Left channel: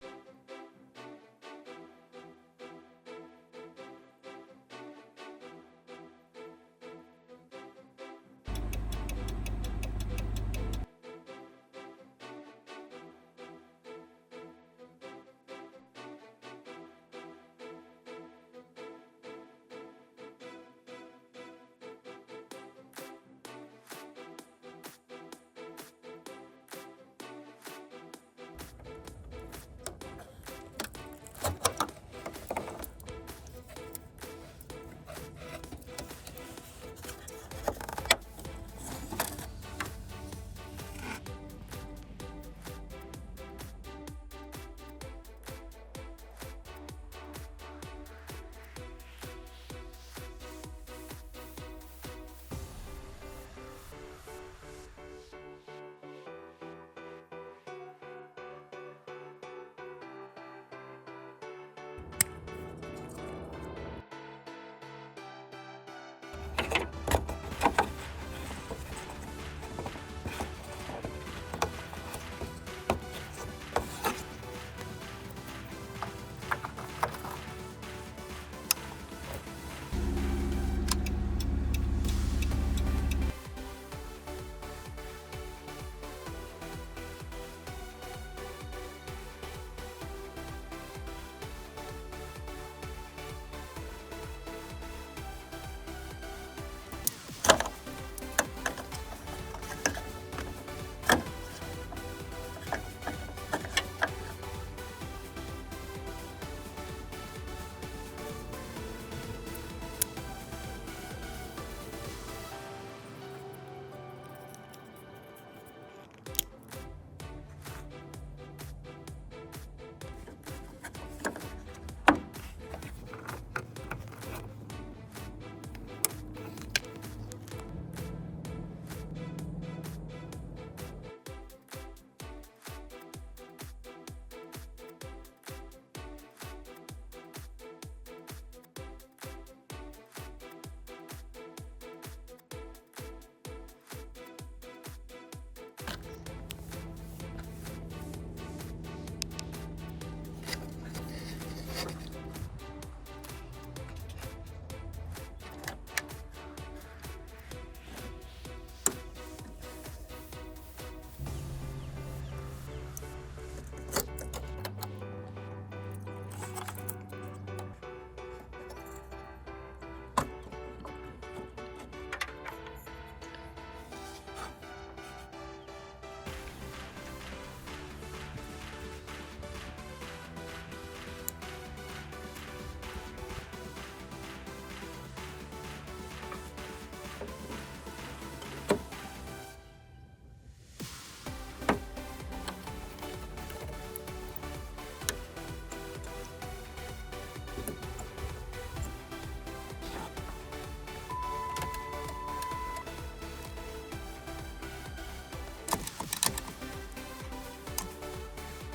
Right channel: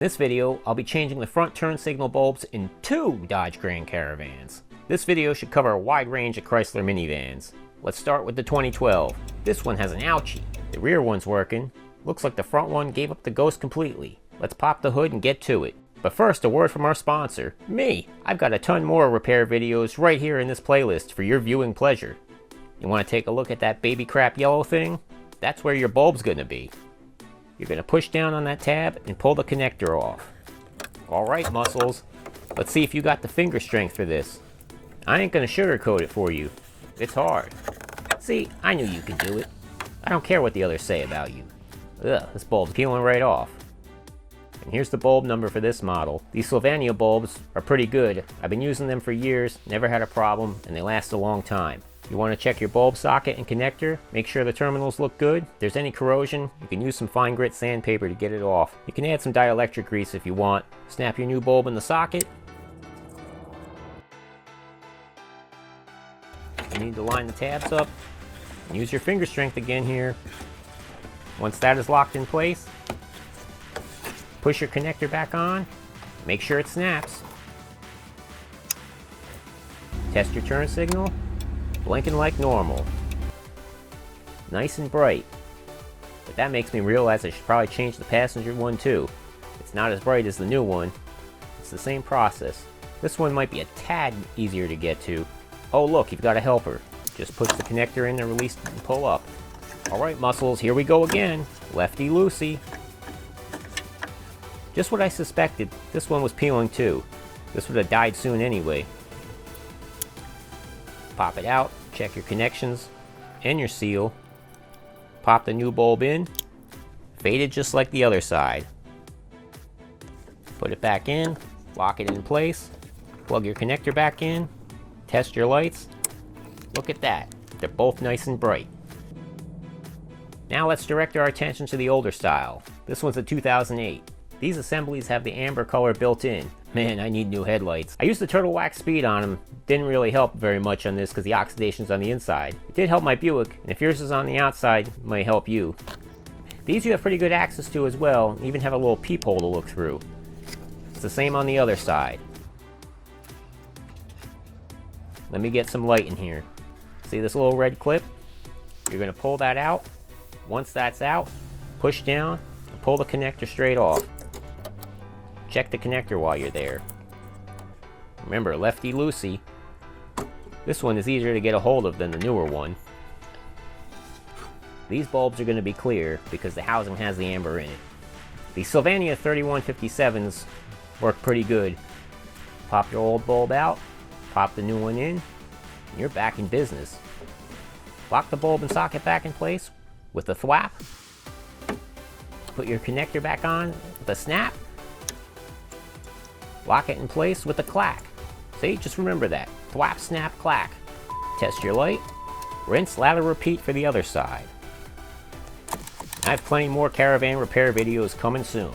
In this video, I'll be changing the front turn signal bulbs in 2 Dodge Grand Caravans. This video should cover a wide range of Chrysler minivans. Let's start with the 2012. This one has an ouchie. The rear one's working. Looks like the front one gave up the ghost completely. Let's pop the hood and get to it. But first, a word from our sponsor, me. I've got a ton more repair videos right here in this playlist for your viewing pleasure. You want to take a look at that baby crap yellow thing? That's where your bulb's gonna be. You're going to push down on that tab and pull the connector off. Alright muscles, let's see if you got the finger strength for this. I ain't going to sugarcoat it for you. It's hard. See, I knew you could do it. I don't care what the others say about you. Ugh, this bulb's peeling right off. And here's the bulb number for this model. These Sylvania bulbs are pretty good. I've been using them for years, never had a problem, and they last a long time. You want to check your bulb socket and connector, make sure the terminals look good. If there's any corrosion, you can use some fine grit sandpaper to get it off. You can add some dielectric grease if you want. Snap your new bulb in the socket. You need to line the tabs up. Use your finger strength again here. Once that is locked in place, push your connector back on. Make sure it snaps. Test your turn signal. Blinking like normal. Nice and bright. But that makes me realize I should probably change the passenger one too. It's not as bright as the new one. It's the same process. This one might be a tad easier to get to. Oh look, you've got a helper. Just push the connector in and release it and pull up. Alright muscles, here we go again. Lefty loosey. Just what I suspected. This one was peeling too. This would have died soon anyway. Pop it out, check your connections and your seal. Pop the new bulb in. Faded just like the other side. Put it back in, lock it in place, plug your connector back in, test your lights. Look at that, they're both nice and bright. Now let's direct our attention to the older style. This one's a 2008. These assemblies have the amber color built in. Man, I need new headlights. I used the turtle wax speed on them. Didn't really help very much on this because the oxidation's on the inside. It did help my Buick, and if yours is on the outside, it might help you. These you have pretty good access to as well, even have a little peephole to look through. It's the same on the other side. Let me get some light in here. See this little red clip? You're going to pull that out. Once that's out, push down, pull the connector straight off. Check the connector while you're there. Remember, lefty loosey. This one is easier to get a hold of than the newer one. These bulbs are going to be clear because the housing has the amber in it. The Sylvania 3157s work pretty good. Pop your old bulb out, pop the new one in, and you're back in business. Lock the bulb and socket back in place with a thwap. Put your connector back on with a snap. Lock it in place with a clack. See, just remember that. Thwap, snap, clack. Test your light. Rinse, lather, repeat for the other side. I have plenty more Caravan repair videos coming soon.